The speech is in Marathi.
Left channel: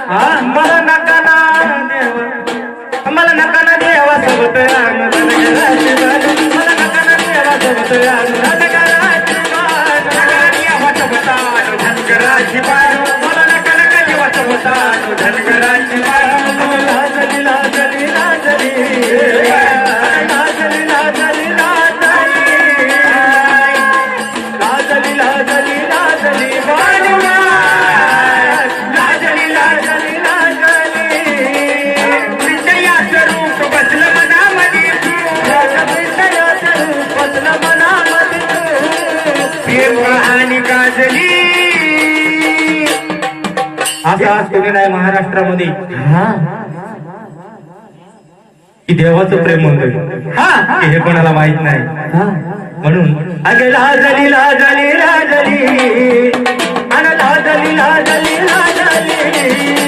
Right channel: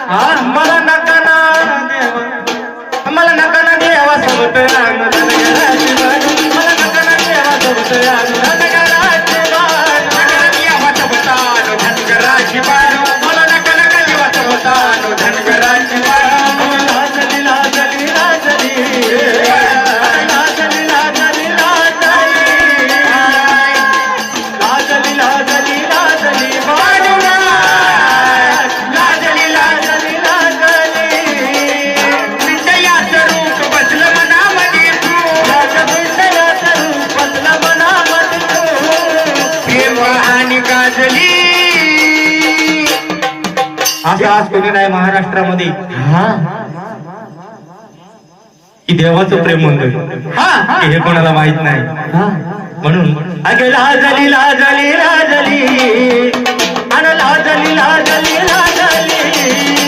मला नका ना देवा, मला नका ना देवा सोबत अंगण घराची बाजू, मला नका ना देवा सोबत अंगण घराची बाजू, देवा सोबत अंगण घराची बाजू, मला नका नका देवा सोबत अंगण घराची बाजू. लाजली लाजली लाजली लाजली लाजली लाजली लाजली लाजली बाजू, लाजली लाजली लाजली विजयाचं रूप बसलं मनामध्ये तू, विजयाचं रूप बसलं मनामध्ये तू, देवा आणि गाजली. असं आज कोणी नाही महाराष्ट्रामध्ये की देवाचं प्रेम म्हणतोय हे कोणाला माहित नाही. म्हणून अगे लाजली लाजली लाजली आणि लाजली लाजली लाजली